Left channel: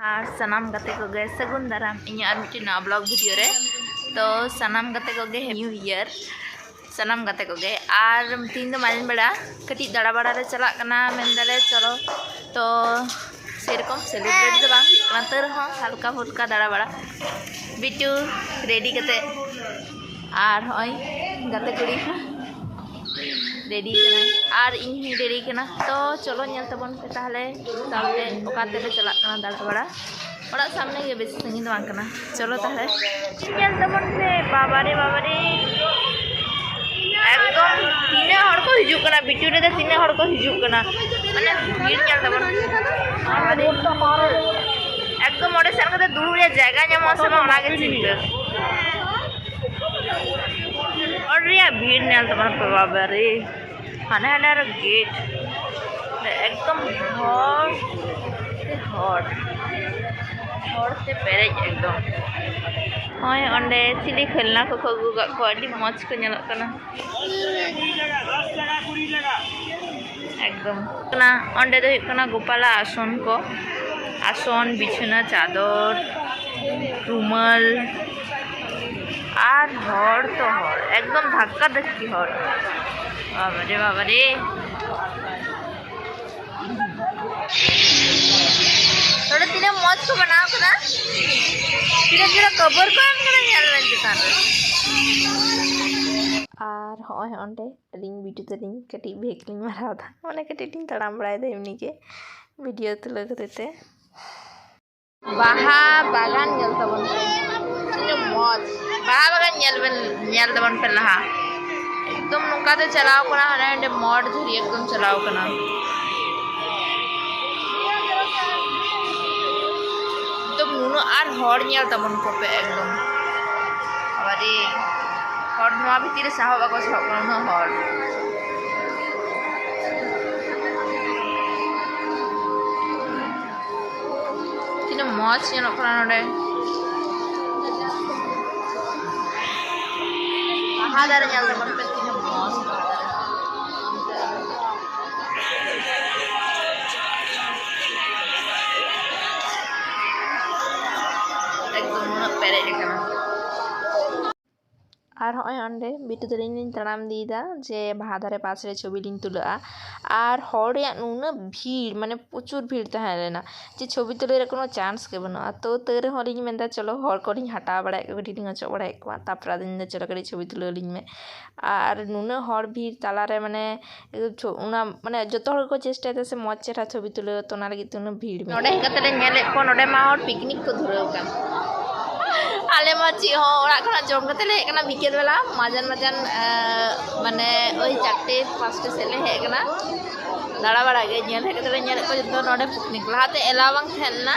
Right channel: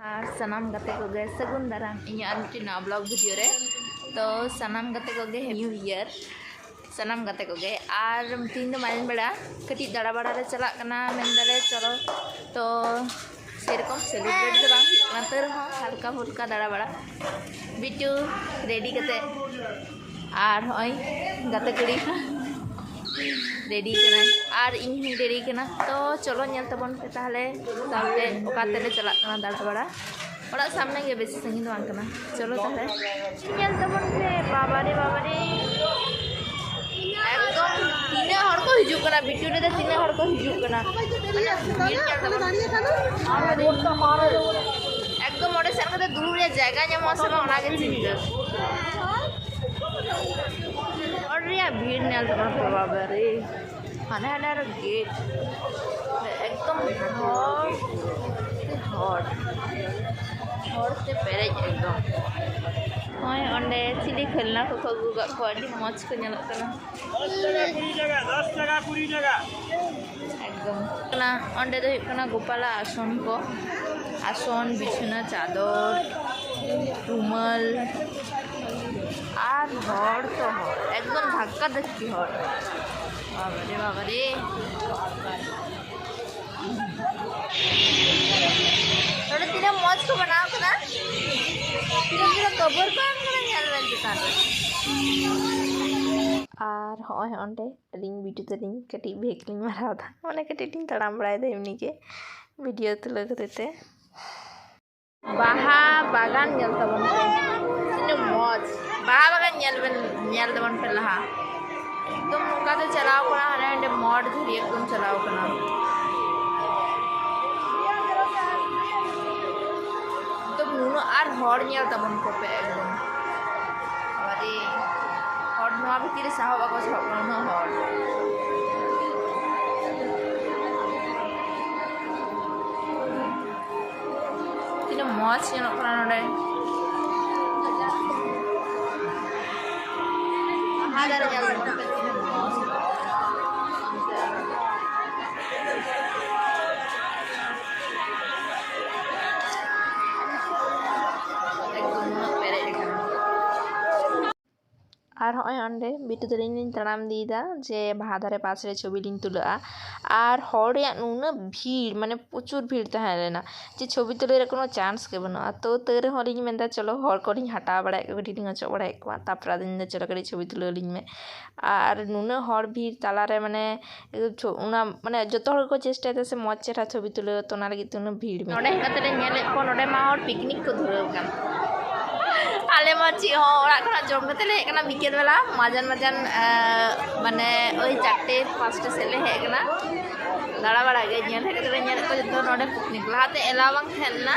और सनाम गते को गे सगुन दाराम इन और मिट्टी नवा ब्लॉग वीडियो रे तो सनाम गते को गे न्यू ईयर सनाम गते को गे और तीन दो मालिन बड़ा कटी दाड़ा बड़ा रे चला कना मेंदले चलो तो सेरकम सेलिब्रेट दो बांग तर हाँ हल्का फुल्का दाड़ा बड़ा बिटू रेडी कते और होय गते कुड़ी रेडी कना और इन ही रेडी कना तो चलो नेल तबन पे ताहले सामने ओकाते ले चला कना दाड़ा बड़ा ओड़ा सामने के बेसी संगीन दो कना चलो ताहले नेल तबन पे बाबारे एकदम तीन हड़ को हिजू कना बिटू रे तीन हड़ को हिजू कना माने भीड़ नेल तबन एकदम ओडे सेन कते दुड़ू रे जायगा ᱧᱟᱢᱚᱜ ᱥᱮ ᱵᱟᱝ ᱚᱱᱟ ᱜᱮ ᱪᱤᱱᱛᱟᱹ और रिया भीड़ नेल तबन पे बाबारे हाने हाने रे गेट एकदम हॉट से पेरेज एकदम होय ओंडे चिली खेलना को खगु को अडी मौज को नेलक कना एकदम कना ओंडे दो कना गोपाला आसन को आसन बिछना चादर रुमाल और हर तो हर एकदम धक्का धक्की हर बाबारे थोड़ा तीन मौज को बनाओ कना तीन कबर को एम कना नेल लेन चितान रे और होय ओंडे रिंग बिटू ते रिंग कटी भेकलिंग माराव था माने कटी टिंग तड़ाम बड़ाय दे एमनी के वीडियो तुला करते बाहा बागान नेल तबन तीन मौज बाहा बागान नेल तबन पे लहा एकदम नुका ते चलाव कना हाने मोड़ धरी एकदम चलाव कना एकदम नुनो और हर नेल तबन को पे एकदम अबारे हर नवा भीतर साहो बाको साहो कना हर तीन मौज नेल कना नडे बाहा दारे नेल तबन पे तीन मौज एकदम पेरे कना और होय ओंडे बिटू तरिन तड़ाम दीदा जे बाहा दारे पास रे छवि लिन तुला और हर या नुना भीड़ माने प्रचुर भीड़ तहे लेना जे छवि तुले रे कोनो चांस के बना तो तेरे हलिन मेंदा चलो हर कोनी हटा बड़ा कटी लिंग चो बड़ा एकवा तापरा दिन चलो कटी छवि तुले लिंग में और नुना हर भीड़ ताला रे माने उना माने जतो हर को चेष्टा ते से मौज चेहरा छवि तुले तो ना लगी तुना भीड़ में नोडे हेकते ले नेले को नोडे मा हर पिकनिक को धुरेव कान आले माची हो ओरा खना जम कते ले हेकना बिकेल वाला मजन माने ओई 4-5 सेले हेकना दाड़ा बड़ा गे नेल हेकते ले नेल को जतो नोडे पिकनिक लाते एलावांग खेलना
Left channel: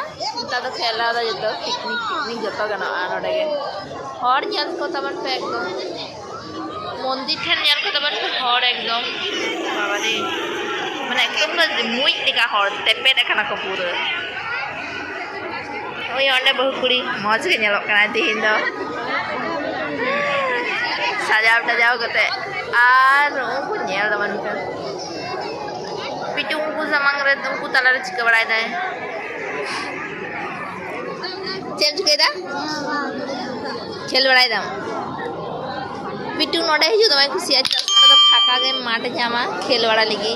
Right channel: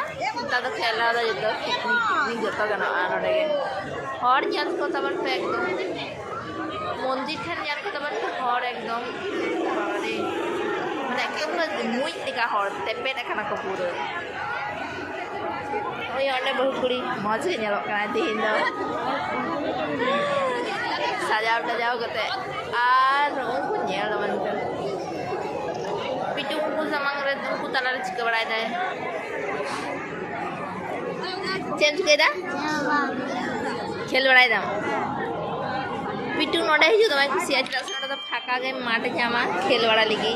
ता तो खेला दा जतो पिकनिक जतो गना नोडे गे हर नेल को तबन पे एकदम मंदिर ठेन नेल को तबन पे हर एकदम बाबा रे माने एकदम मुई टिका हर तेपे देखना को पूरा ओय ओंडे बहु कुड़ी मौज के नेलक कना दिन दो सजाव कते और उनको नेल दबन पे पिटू उनको समंग रे उनको तला रे चिका बड़ाय दाय चेंज केदा खेल बड़ाय दाम पिटू नोडे हिजु दमाय खुशी आज तो फाका गे माठ जामा खेल बड़ा लगी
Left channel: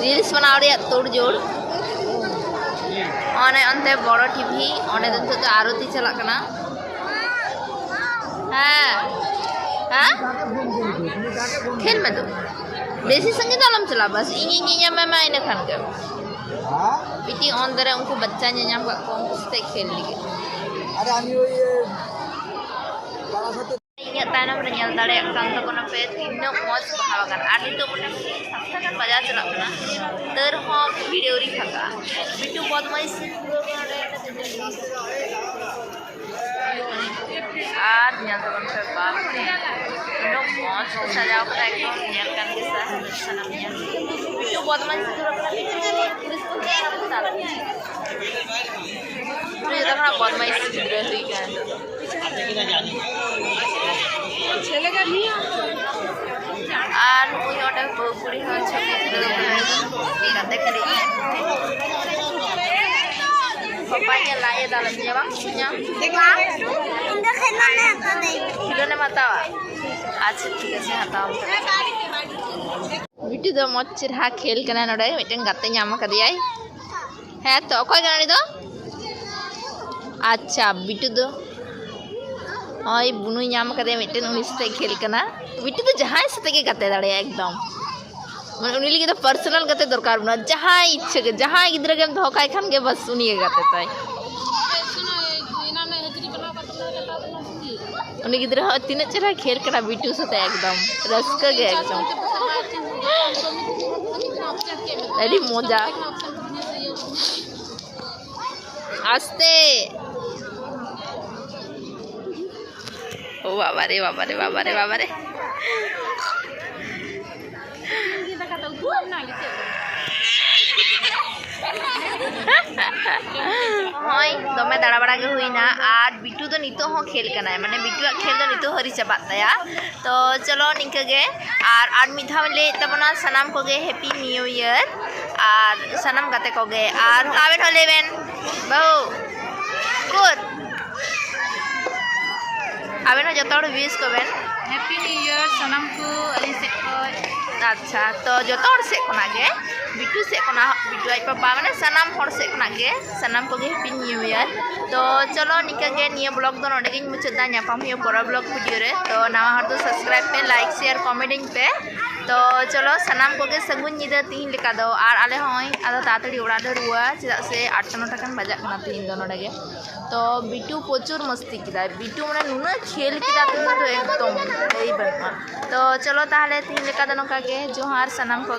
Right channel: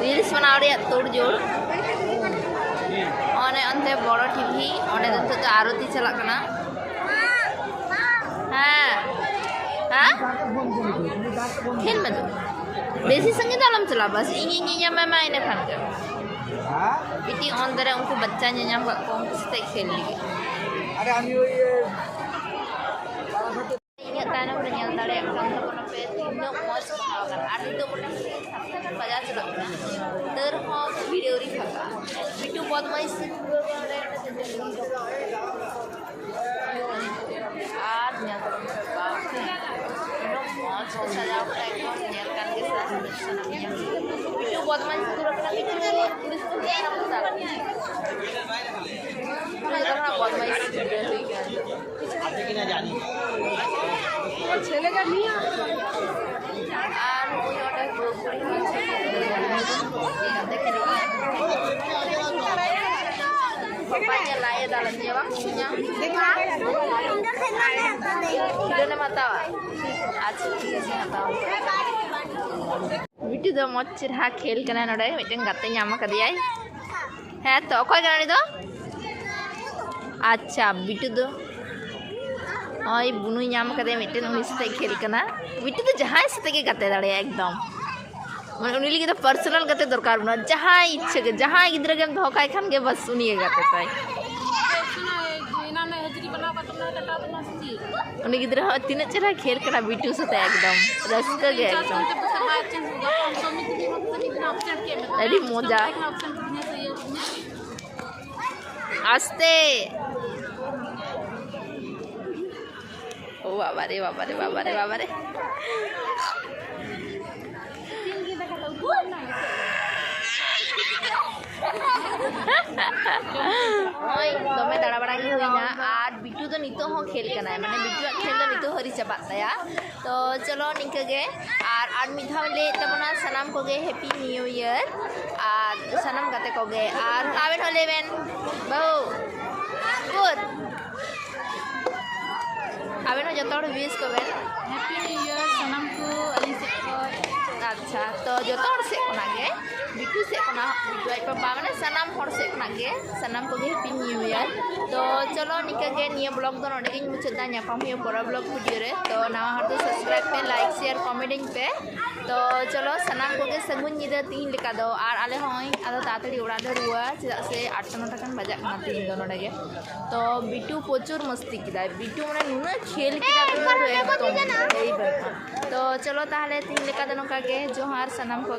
रील्स बनाव रे तोड़ जोड़ ओने अंते बड़ो टीवी ओने तो आरती चला कना हां खेल में तो बेसी संगीत आलम चला बस इन मैं इन खान के पिटी अंदर उनको बच्चा ᱧᱮᱧᱟᱢ को उनको से खेल अरे हम ये तानम रे नेल दाड़े कान तो कोना पे तीन मौज बहावगान आदि तो मोटे सप्ताह kan बाजार चला कना तर हो भिडियोरी फाका बिटू बदमाइश और नेल तो पे बाप रे नो मौज को सजाव कर एकदम नेल कान के साथ सनम नेल बिटू बदमाइश दूर कना बिटू पुलिस को क्या नाम बता तो ये देखना बदमाइश गिरे हुई क्या है तो चलेगा नहीं और वो योटे बुरी हो छवि तुले देखते हैं papanya lain dalamnya bang punya Indah kena apa deh? Khilone matawa अच्छा ठीक है हटाओ बिट्टू दो मच्छर हा खेल कना नडे मिटन गाते ᱧᱟᱢ कदियाय है तो अकय कना दो अच्छा बिट्टू दो ओय बुनु ᱧᱟᱢ कदे मिटन उनी साथे खेल कना बिट्टू दो जहां साथे के गाते दाड़े एकदम माने उनी लगे तो पर्सनल गाते दरकार बना जहां इच्छा के जहां गिद्रा के दो काय खान के बस उनी गाते ताय उनी गिद्रा तीन चेहरा खेल कना बिट्टू साथे एकदम रस्का गे एकदम अरे मजा आस्ते ओ बाबा रे बाबा रे बाबा रे बाबा रे होय दमे दाड़ा बड़ा के हुईना और बिट्टू तो नितो हो खेल कना है माने बिट्टू खेल तो नितो हरी चाबात तया तो चलो निके गे और मिधा ले तबना सनाम को गे हैप्पी न्यू ईयर और सनाम गाते को गे और आवेन हो लेबेन बहु गुड आवेन हो जतो विश कोबेन हैप्पी न्यू ईयर सनाम को अली से अच्छा तो जो से गे बिट्टू से बिट्टू आई पापा माने सनाम हर से सनाम को गे हैप्पी न्यू ईयर तो चलो निका गे निया ब्लॉग दो नोडे गिन मुचादा ᱧᱟᱯᱟᱢ हुई परा ब्लॉग वीडियो रे तो नवा हर तो सब्सक्राइब पे लाइक शेयर कमेंटिंग पे तो चलो सनाम को गे सगुन निदा तीन लेका दो और आले होय आदो तातड़ी उड़ा ले रुआ चेदा से 8-9 टाकान बजाक ना तीन दो नोडे गे तो बिट्टू प्रचुर मस्ती किदा बिट्टू माने नुना खेल किदा तीन दो एकदम ei बनमा तो चलो ताहले तीन लेका दो नका गे जोहार सनाम को